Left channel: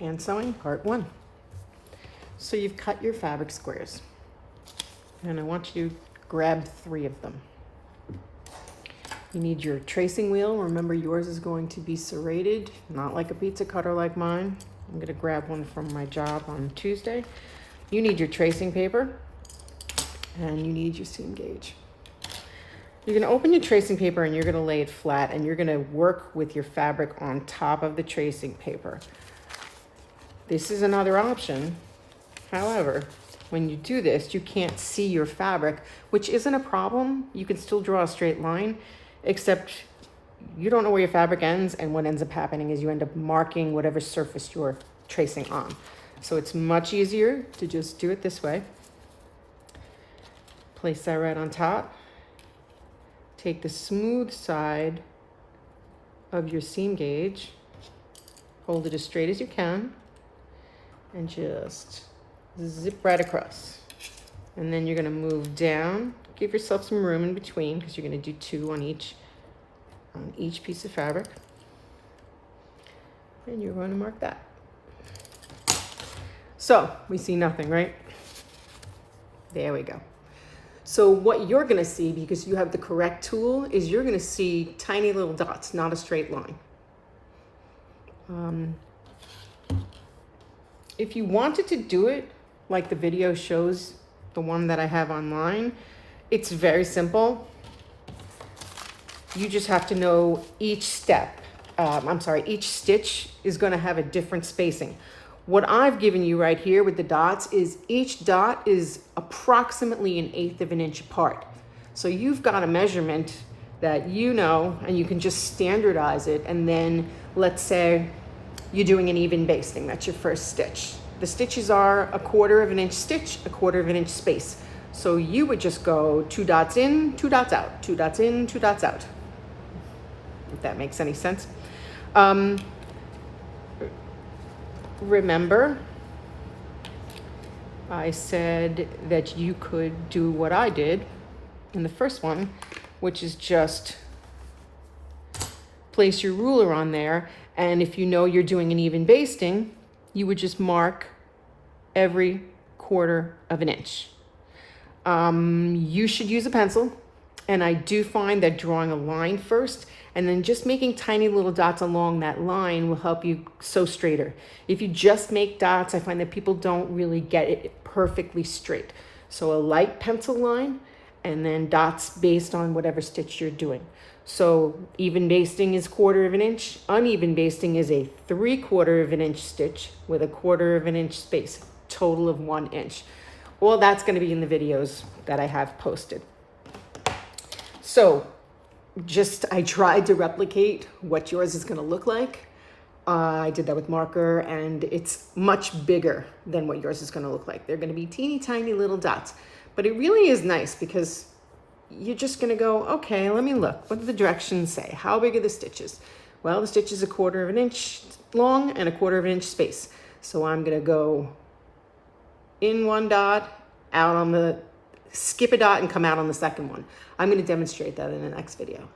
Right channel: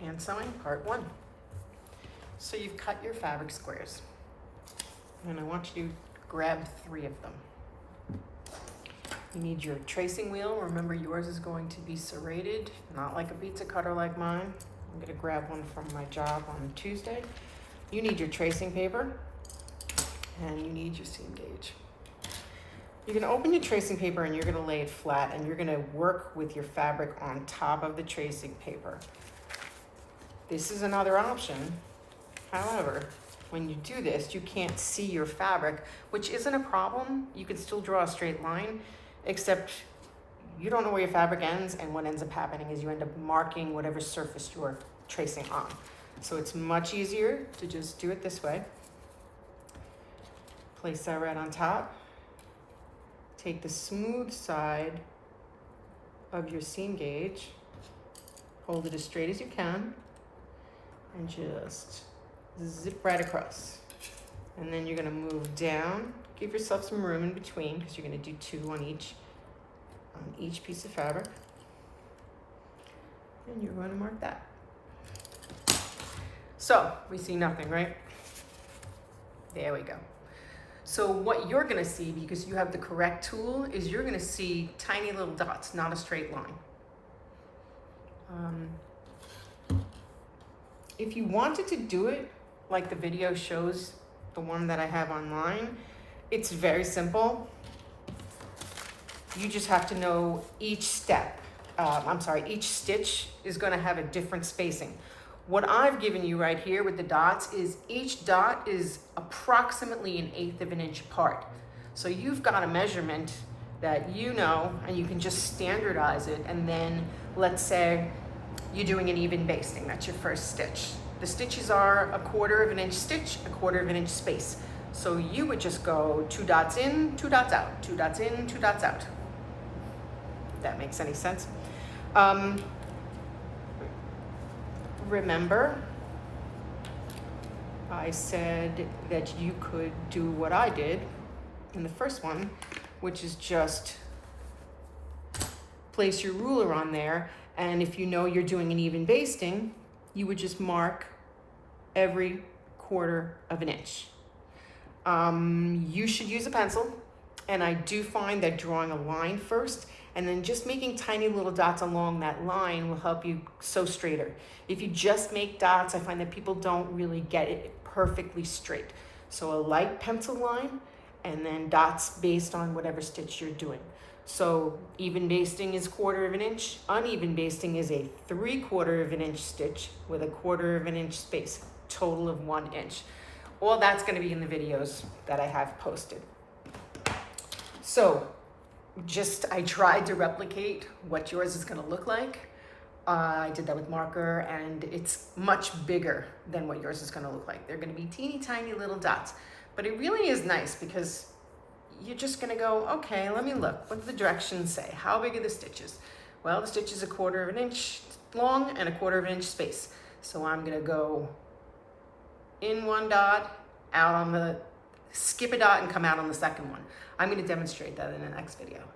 Hand sewing part 1. So you've cut your fabric squares, and I want you to grab 3 of them. You need your tracing wheel. Remember, yours is going to be serrated, not like a pizza cutter like mine. I'm going to grab one from my job on Tuesday. You need your tracing paper, and you need your seam gauge. You're going to open your tracing paper and you're going to lay it flat, and you're going to work with your fabric on top of the tracing paper. This is another option. However, when you do this, you can't see your fabric, which isn't a problem. You can still draw a straight line, except you don't know where your fabric ends, and what ends up happening is you end up marking whatever surface you're tracing on. So it's much easier to just do it this way. Place that right on top. Take the smooth side of your seam gauge, hold it as straight as you can, and just zip right across. And then you're going to move down. Give yourself some room in between, because you're going to do 2 on each piece of fabric. And you're going to mark that. So we see nothing, right? There we go. So what you're going to see, because you have the correct tool, is you're going to see tiny little dots, not a straight line. If you wanted to do it like the video shows, the one that I have online, it's very simple. You just have to know each step. Each stitch is going to have a different spacing. What I've given you right here with the dots is each dot is approximately 1/8 of an inch apart. So you've got a measurement that you know, and you can just standardize it. And then let's say you're doing an even basting. That's your first stitch. The stitches are 1/4 of an inch stitch, 1/4 of an inch space. So you would just go 2 dots in, 2 dots out, 2 dots in, 2 dots out. If that makes any sense. Remember, I said that you could do what I did in the first one, which is just place your ruler on there, and if you know you're doing an even basting, you would just mark every 1/4 of an inch. You should use a pencil, and I do find that drawing a line first and then just making tiny little dots along that line will help you sew straighter. If you just make dots, I find that people don't really get it perfectly straight. So a light pencil line and then dots based on whatever stitch you're doing. So even basting is 1/4 of an inch. Uneven basting is a 3/4 of an inch stitch with a 1/4 of an inch space, total of 1 inch. All that's going to be in the videos that I have posted. So I tried to replicate what yours is going to look like. I did that with marker, and it's much bigger than what yours is going to look like. They're going to be teeny tiny little dots, but it really is nice because you're just going to go, okay, let me look. What do the directions say? How big are the stitches? Well, the stitch is 1/4 of an inch long and 1/4 of an inch space. So I'm going to go in 1 dot, out on the, skip a dot and come out on the second one. I'm going to demonstrate that in the next video.